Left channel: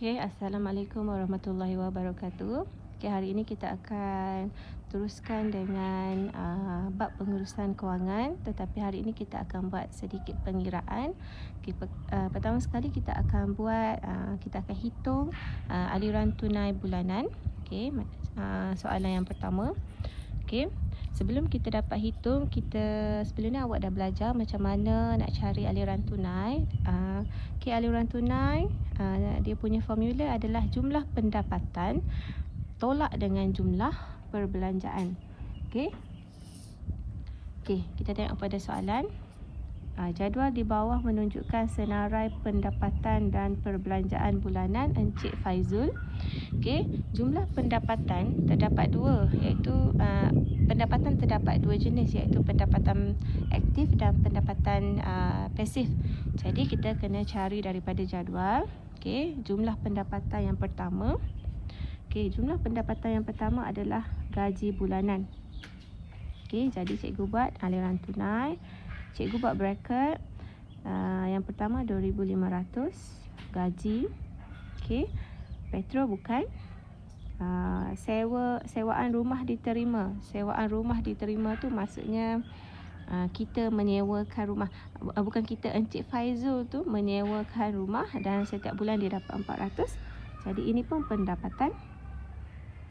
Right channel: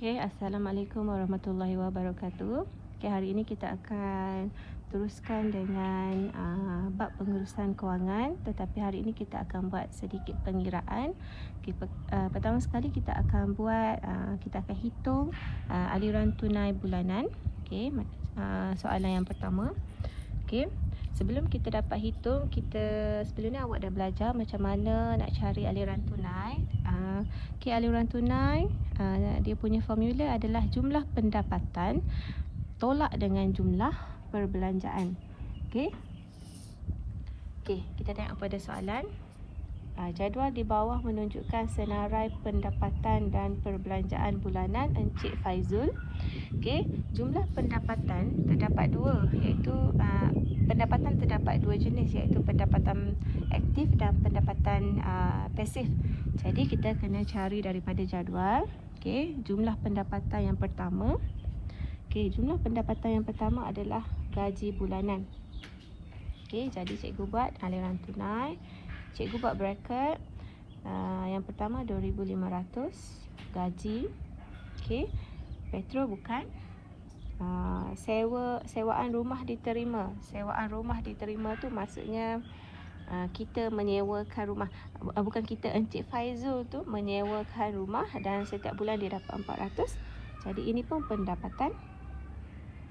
Okay, Assalamualaikum warahmatullahi wabarakatuh. Okay, hari ini kita akan teruskan dengan bab pengurusan kewangan, tetapi hari ini kita akan buat sedikit pengiraan. Okay, pertama sekali kita akan kita akan hitung aliran tunai bulanan. Okay, soalan yang pertama. Okay, sebelum kita dapat hitung, sebelum ni awak dah belajar macam mana nak cari aliran tunai. Okay, aliran tunai dia punya formula adalah jumlah pendapatan tolak dengan jumlah perbelanjaan. Okay, kita tengok pada soalan. Jadual di bawah menunjukkan senarai pendapatan dan perbelanjaan bulanan Encik Faizul. Okay, jumlah pendapatan terdapat dua, iaitu pendapatan terdapat dua jenis, iaitu pendapatan aktif dan pendapatan pasif. Jadi kita kena cari daripada jadual. Okay, jumlah pendapatan yang pertama. Okay, jumlah pendapatan yang pertama adalah gaji bulanan. Okay, jadi cikgu buat aliran tunai. Cikgu buat bracket. Yang pertama 2,500 gaji. Okay, metro bukan. Sewaan rumah diterima. Sewaan rumah diterima tu maksudnya kita menyewakan rumah. Bukan kita, Encik Faizul tu menyewakan rumah dan setiap bulan dia dapat 400. Jadi ini pun pendapatan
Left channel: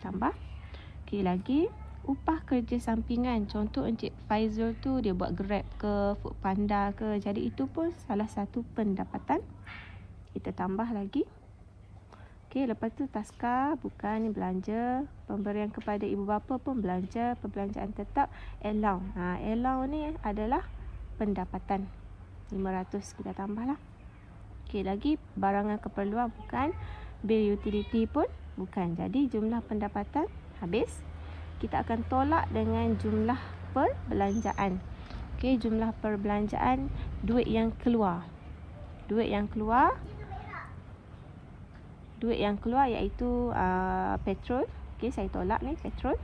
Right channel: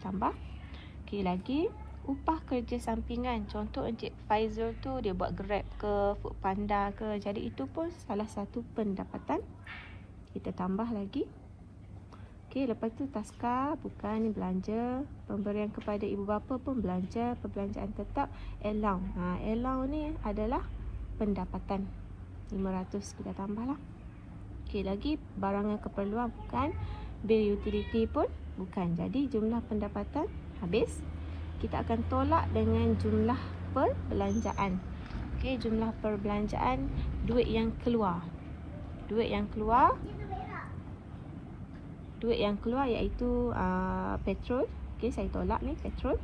tambah. Okay, lagi upah kerja sampingan. Contoh Encik Faizul tu dia buat Grab ke, Foodpanda ke. Jadi itu pun salah satu pendapatan. Kita tambah lagi. Okey, lepas tu taska, bukan ni belanja. Pemberian kepada ibu bapa pun belanja. Perbelanjaan tetap, allow. Allow ni adalah pendapatan. 500 kita tambahlah. Okey, lagi barangan keperluan bukan. Bil utility pun bukan. Jadi jumlah pendapatan habis. Kita akan tolak dengan jumlah perbelanjaan. Okey, jumlah perbelanjaan, duit yang keluar. Duit yang keluar iaitu petrol. Okey, saya tolak ni petrol.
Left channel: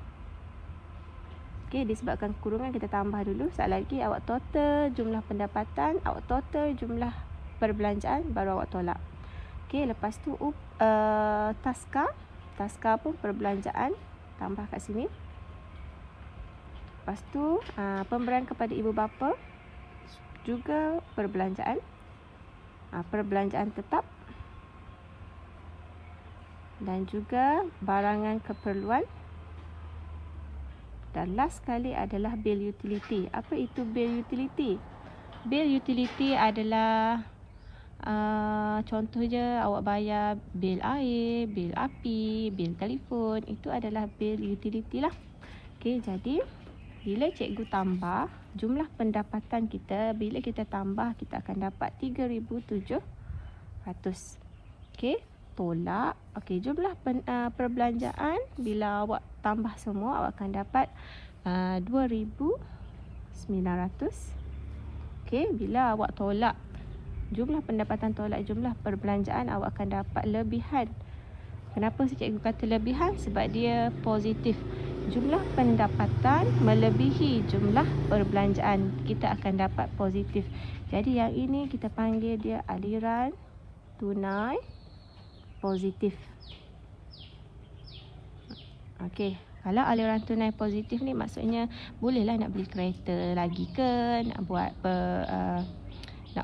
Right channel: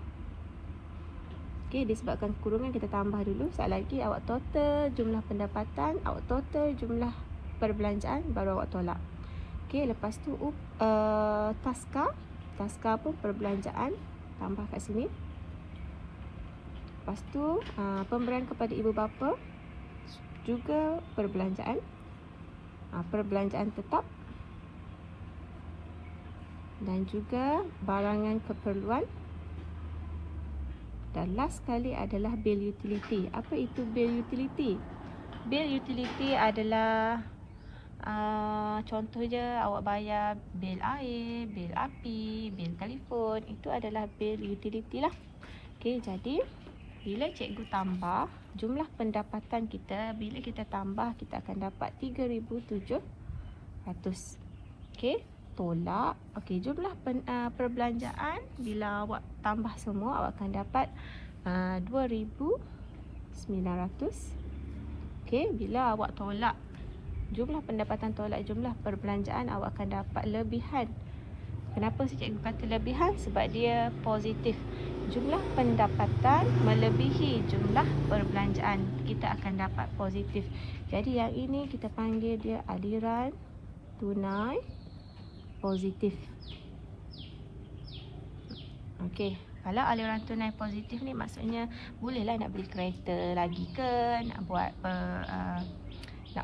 Okey, disebabkan kurungan kita tambah dulu. Sekali lagi awak total jumlah pendapatan, awak total jumlah perbelanjaan, baru awak tolak. Okey, lepas tu taska pun perbelanjaan, tambah kat sini. Lepas tu pemberian kepada ibu bapa juga perbelanjaan. Perbelanjaan tetap. Dan juga barangan keperluan. Dan last sekali adalah bil utility. Apa itu bil utility? Bil utility adalah contohnya awak bayar bil air, bil api, bil telefon. Itu adalah bil utility lah. Okey, jadi bila cikgu tambah jumlah pendapatan kita, bila kita tambah kita akan dapat 3,700. Okey, tolak. Okey, jumlah perbelanjaan bila awak tambah semua awak akan dapat 2,900. Okey, bila awak tolak jumlah pendapatan tolak jumlah perbelanjaan awak akan dapat lebihan. Kenapa cikgu kata lebihan? Sebab dia positif. Jumlah pendapatan melebihi jumlah perbelanjaan, kita akan dapat positif. Jadi yang ini kita panggil dia aliran tunai positif. Okey, kalau aliran tunai positif ni maksudnya bolehlah nak beli kereta lagi ke, nak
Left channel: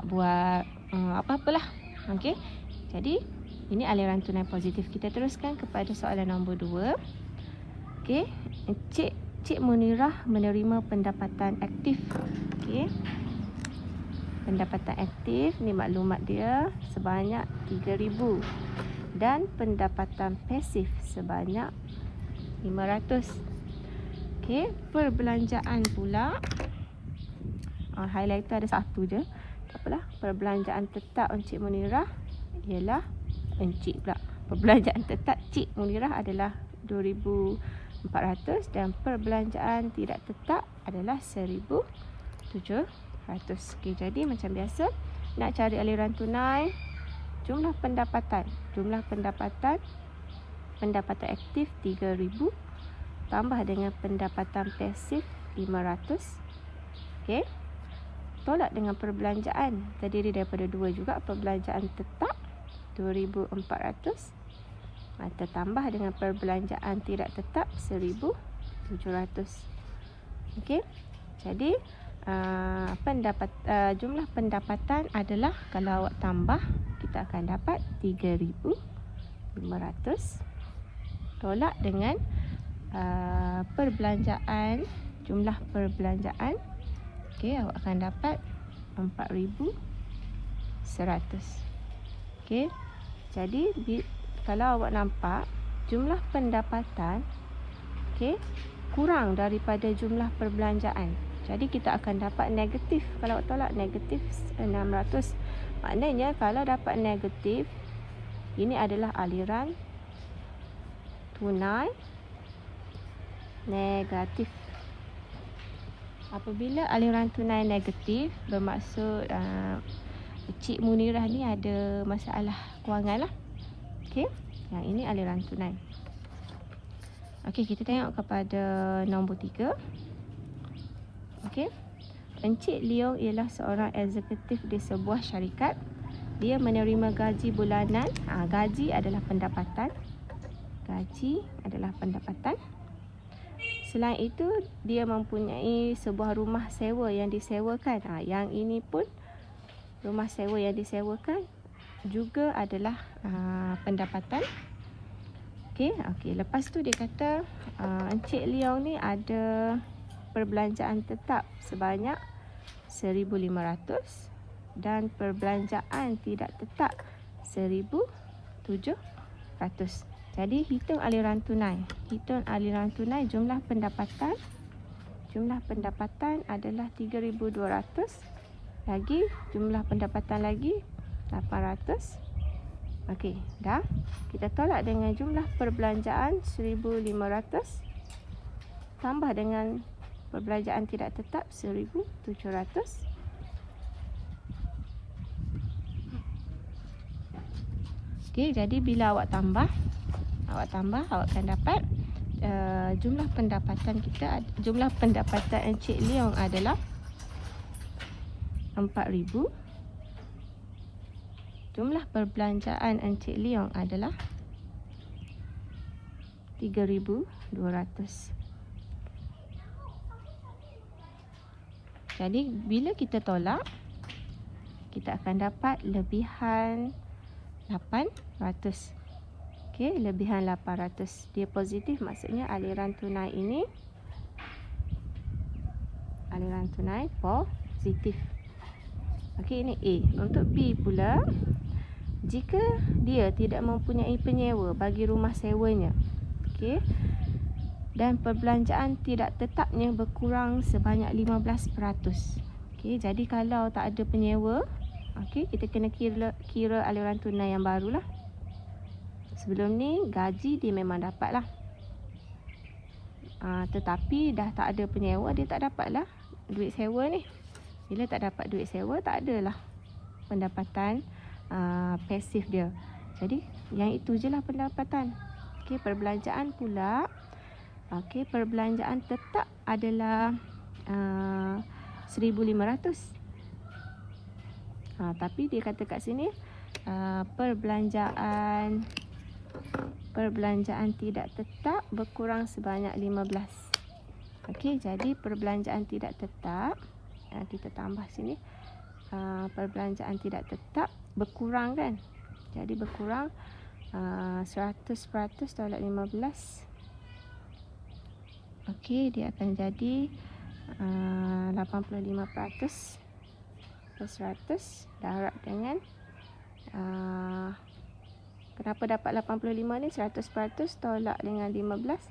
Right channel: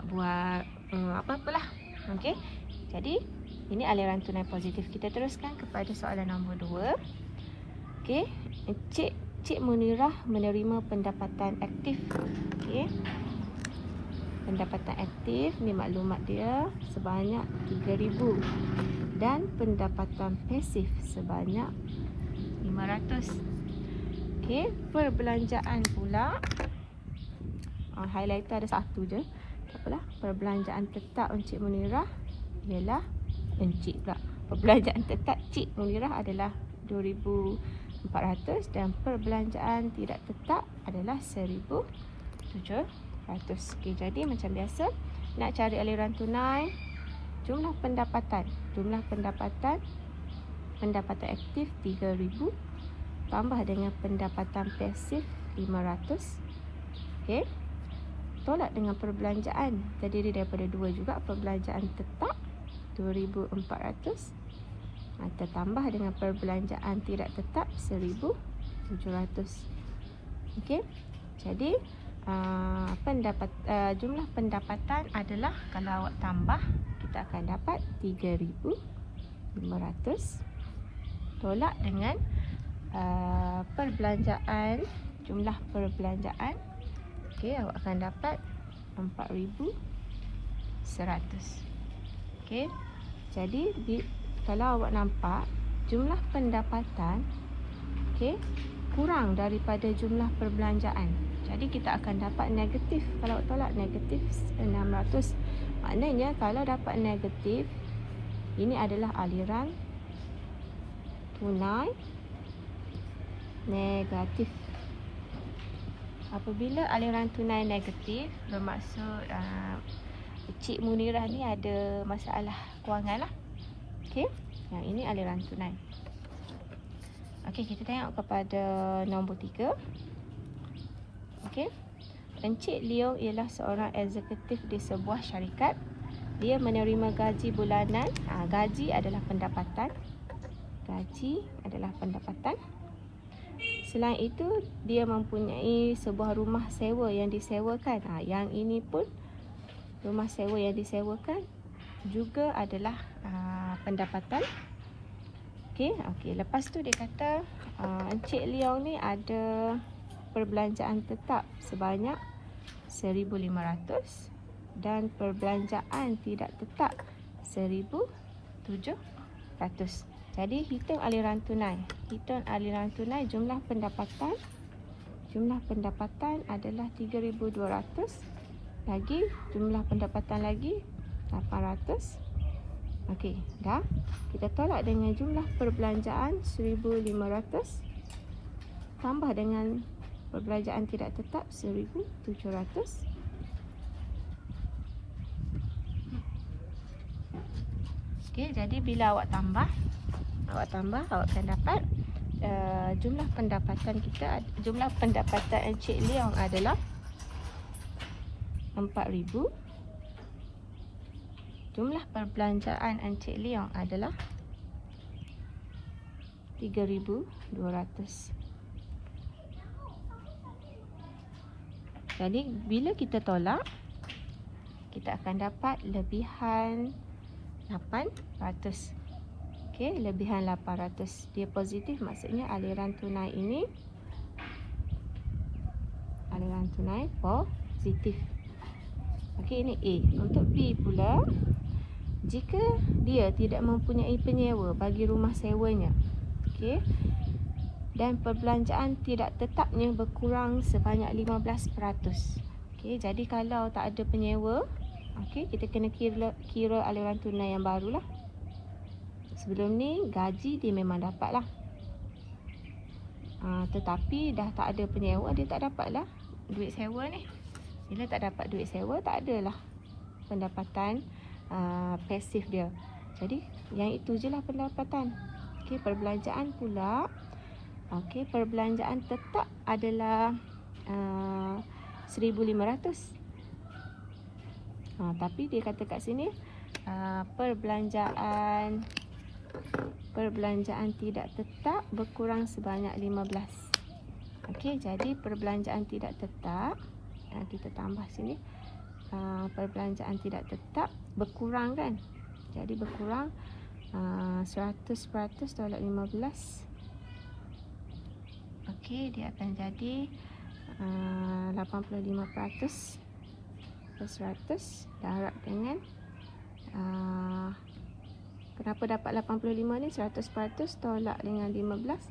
buat apa-apalah. Okey, jadi ini aliran tunai positif. Kita teruskan kepada soalan nombor 2. Okey, Cik Munirah menerima pendapatan aktif. Okey, pendapatan aktif ni maklumat dia sebanyak 3,000 dan pendapatan pasif sebanyak 500. Okey, perbelanjaan pula highlighter ada satu je. Tak apalah, perbelanjaan tetap Encik Munirah ialah perbelanjaan tetap Cik Munirah adalah 2,400 dan perbelanjaan tidak tetap adalah 1,700. Okay, jadi macam biasa nak cari aliran tunai, jumlah pendapatan aktif 3,000 tambah dengan pendapatan pasif 500. Okey, tolak dengan perbelanjaan, terdiri daripada dua juga, perbelanjaan tetap 2,400. Tertambah dengan perbelanjaan tidak tetap 1,700. Okey. Jadi jumlah pendapatan adalah, kalau awak tambah, kita akan dapat 3,500 tolak dengan perbelanjaan, jumlah perbelanjaan. Okey, awak akan dapat 4,100. Okey. Jadi kalau awak nampak jumlah pendapatan, okey, kurang daripada jumlah perbelanjaan. Jadi kita akan dapat negatif. Kalau awak tolak negatif 600. Maknanya kalau dapat negatif, ini adalah aliran tunai negatif. Apabila aliran tunai negatif, bermaksud Cik Munirah ni ada masalah kewangan lah. Okey. Yang ini aliran tunai. Okey, kita tengok kepada nombor 3. Okey. Encik Leong ialah seorang eksekutif di sebuah syarikat. Dia menerima gaji bulanan. Gaji adalah pendapatan. Gaji adalah pendapatan. Selain itu, dia mempunyai sebuah rumah sewa yang disewakan. Yang ini pun rumah sewa yang disewakan juga adalah pendapatan. Okey, lepas tu dia kata Encik Leong ni ada perbelanjaan tetap sebanyak 1,500 dan perbelanjaan tidak tetap 1,700. Jadi hitung aliran tunai. Hitung aliran tunai, jumlah pendapatan. Jumlah pendapatan adalah 3,200. Lagi jumlah pendapatan lagi 800. Okey, dah. Kita tolak dengan jumlah perbelanjaan 1,500 tambah dengan perbelanjaan tidak tetap 1,700. Okey, jadi bila awak tambah awak akan dapat jumlah pendapatan kita, jumlah pendapatan Encik Leong adalah 4,000. Jumlah perbelanjaan Encik Leong adalah 3,200. Jadi bila kita tolak, kita akan dapat lebihan 800. Okey, lebihan 800. Dia positif, maksudnya aliran tunai ini, aliran tunai positif. Okey, ini A. Untuk B pula, jika dia tidak mempunyai penyewa bagi rumah sewanya, okey, dan perbelanjaan tidak tetapnya berkurang sebanyak 15%. Okey, jadi kalau tak ada penyewa, okey, kita kena kira aliran tunai yang barulah. Sebelum ni gaji dia memang dapat lah. Tetapi dah tak ada penyewa, dia tak dapat lah duit sewa ni. Bila tak dapat duit sewa, tak adalah pendapatan pasif dia. Jadi yang itu je lah pendapatan. Okey, perbelanjaan pula. Okey, perbelanjaan tetap adalah 1,500. Tapi dia kata kat sini perbelanjaan tidak tetap berkurang sebanyak 15. Okey, jadi perbelanjaan tidak tetap, kita tambah sini, perbelanjaan tidak tetap berkurang kan. Jadi berkurang 100% tolak 15. Okey, dia akan jadi 85% plus 100 darab dengan kenapa dapat 85 ni, 100% tolak dengan 15